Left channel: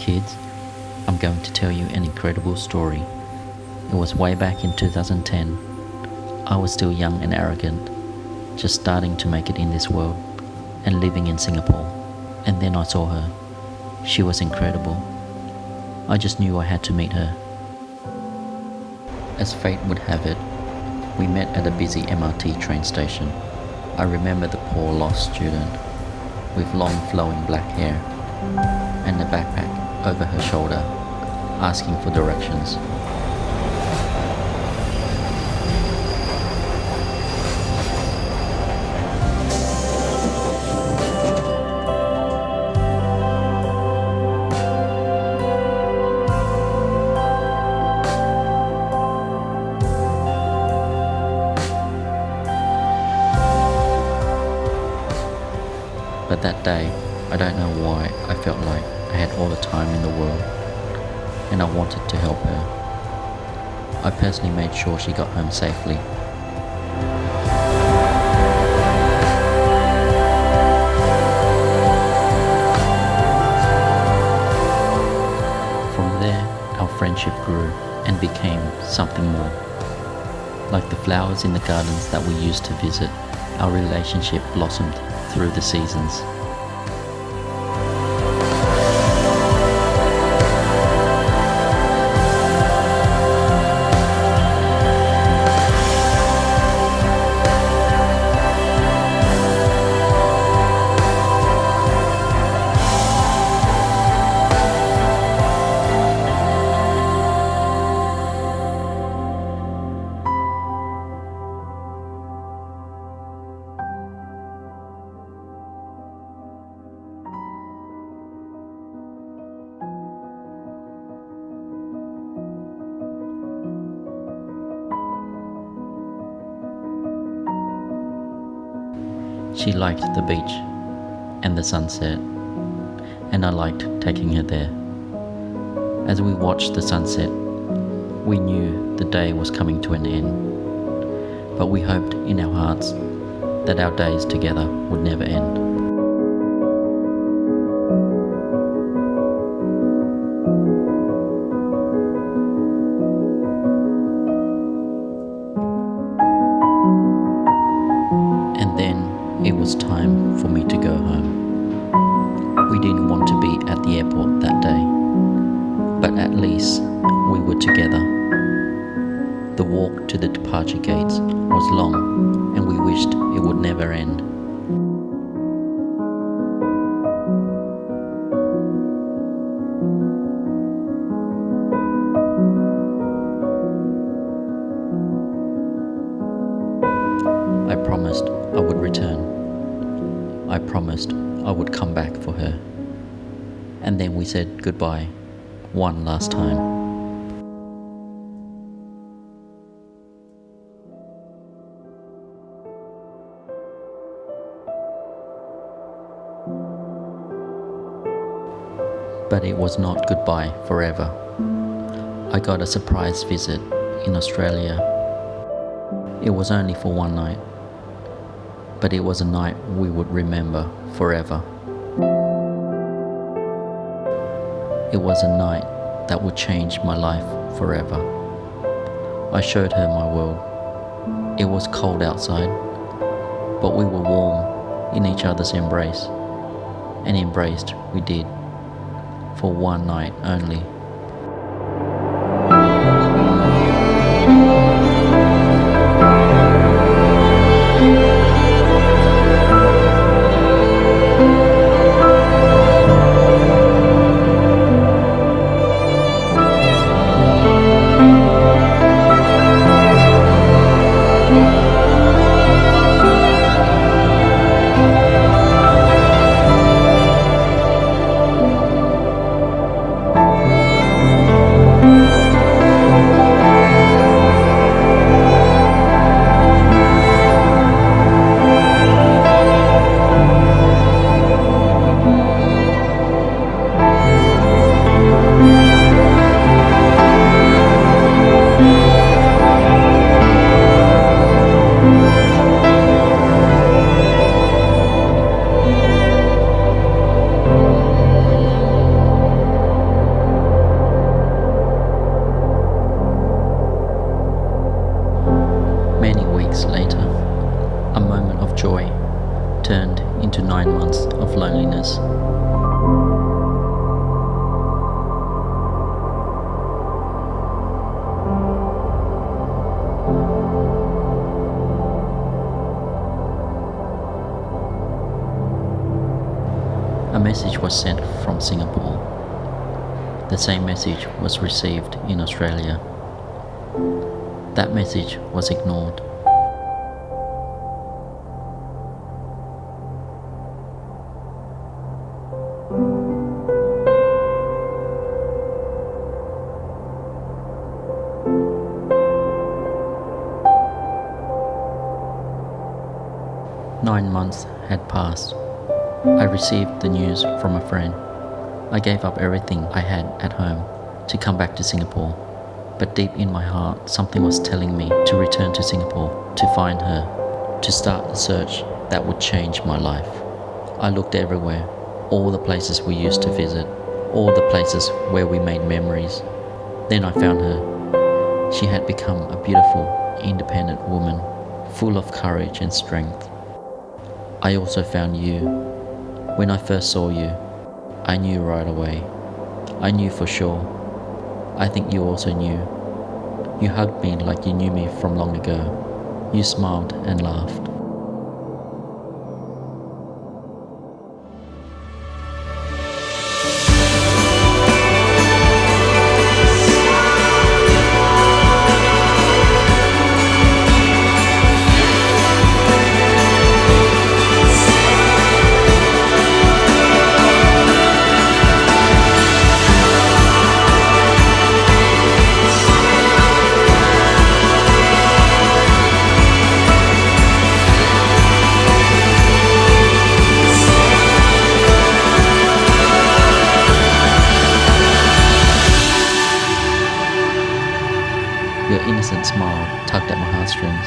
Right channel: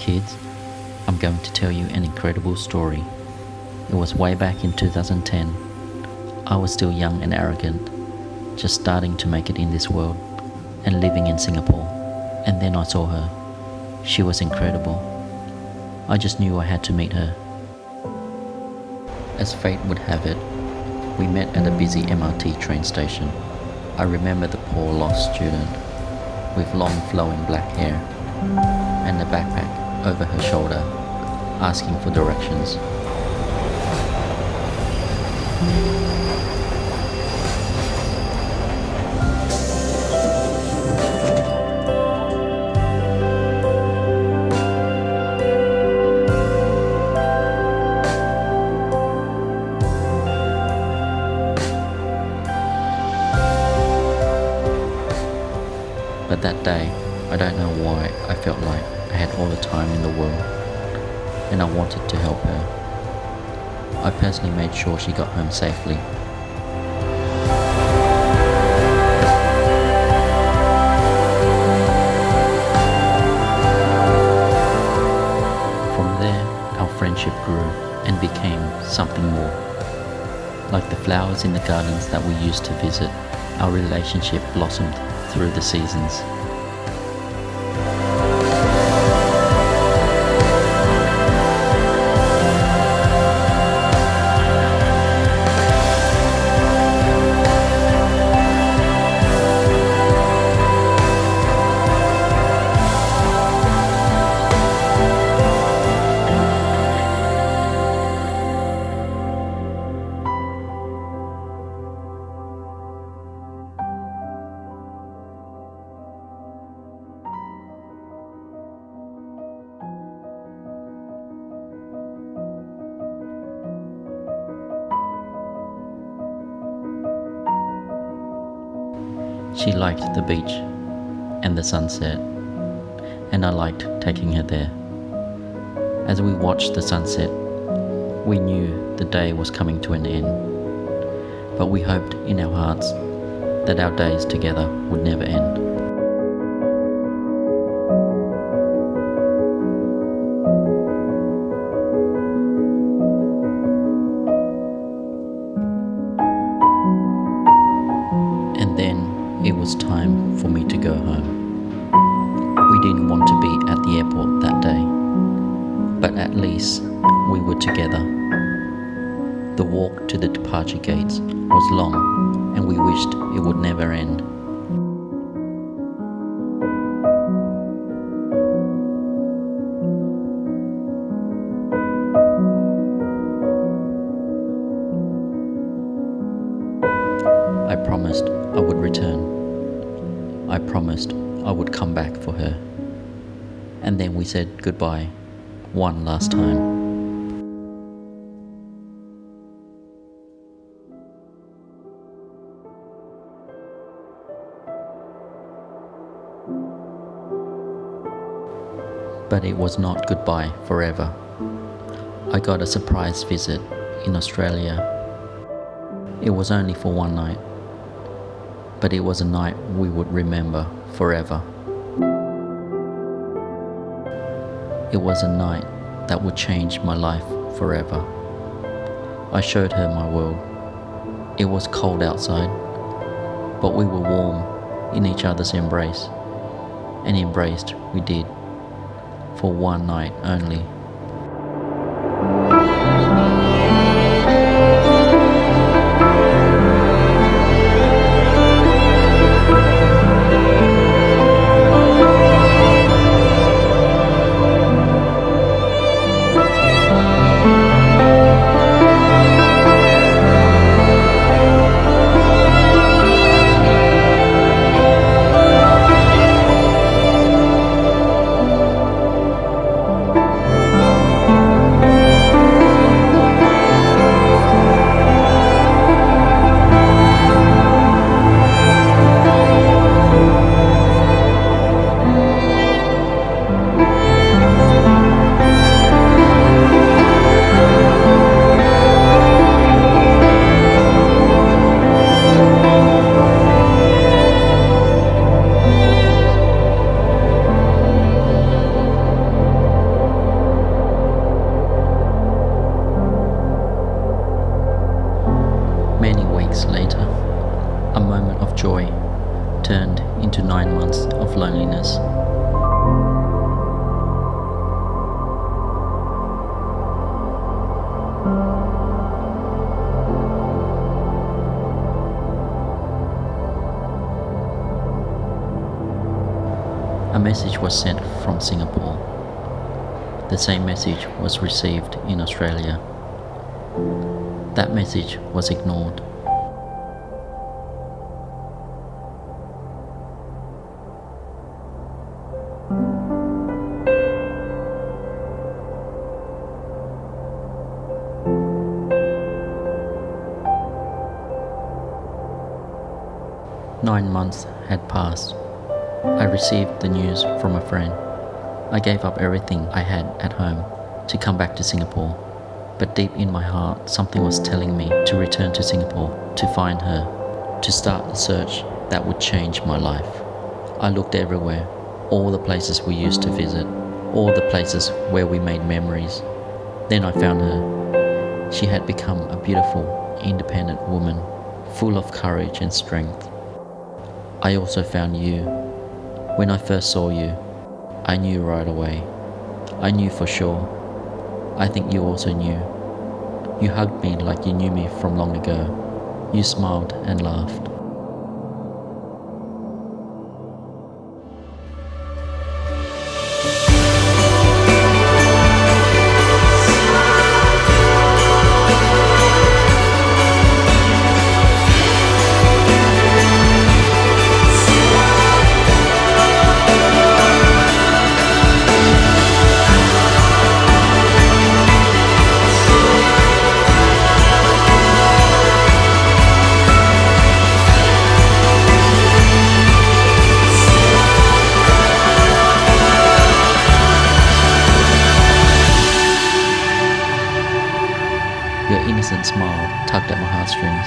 Kids, I'm going to tell you an incredible story. It was way back in 2010. I was still young and arrogant, just starting to make it in this world and living in Singapore. And then I saw her. She was incredible. I just knew I had to meet her. As fate would have it, we met at a busy MRT train station. I remember the poor lost student with long flowing black hair and a backpack over her shoulder, asking for directions. But that day, I don't know why, I felt like I had all the time in the world, and I wanted to help her. I personally made sure she got home safely. From there, our friendship grew and became something more. Like the flowers in the gardens that we used to visit, our relationship blossomed through the seasons. She liked the beach and the sunset, and I liked taking her there. As we watched the sunset, we knew the day was coming to an end, but we hoped in our hearts that our days together would never end. And then it was time for me to go home. We didn't want to be at the airport that day, but at least we were together. The walk to the departure gates was long, and we wished it would never end. I promised I would return. I promised I would come back for her. And then we said goodbye one last time. But it was not goodbye forever. I got a surprise visit in Australia. It was only for one night, but it was a night we would remember forever. It was a night that would change my life forever. I showed her my world. It was cold outside, but we were warm in each other's embrace, and embraced we did, for one night only. turned into 9 months of loneliness. A message was sent from Singapore. The same message was received in Australia. That message was ignored. Nine months had passed. I received the news from a friend. I gave up everything I had at home to come back to Singapore. But deep in my heart, something was telling me to return to Singapore, to find her, to start the search that would change my life. I looked everywhere, all the places we used to visit, all the places where we made memories. Then I found her. She had become a beautiful, independent woman, full of courage and strength. I also found you. When I first saw you, I knew right away. I knew for sure. I think you also knew. You hugged me like you knew me from long ago. You smiled and laughed. Your innocent smile tugged at my heartstrings.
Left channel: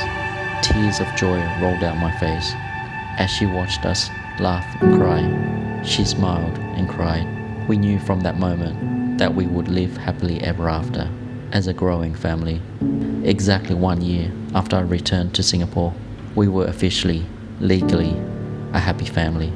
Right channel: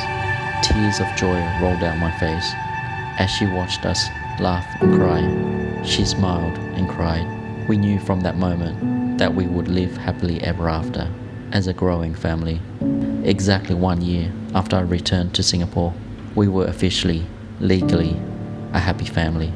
Tears of joy rolled down my face. As she watched us laugh and cry, she smiled and cried. We knew from that moment that we would live happily ever after as a growing family. Exactly 1 year after I returned to Singapore, we were officially, legally, a happy family.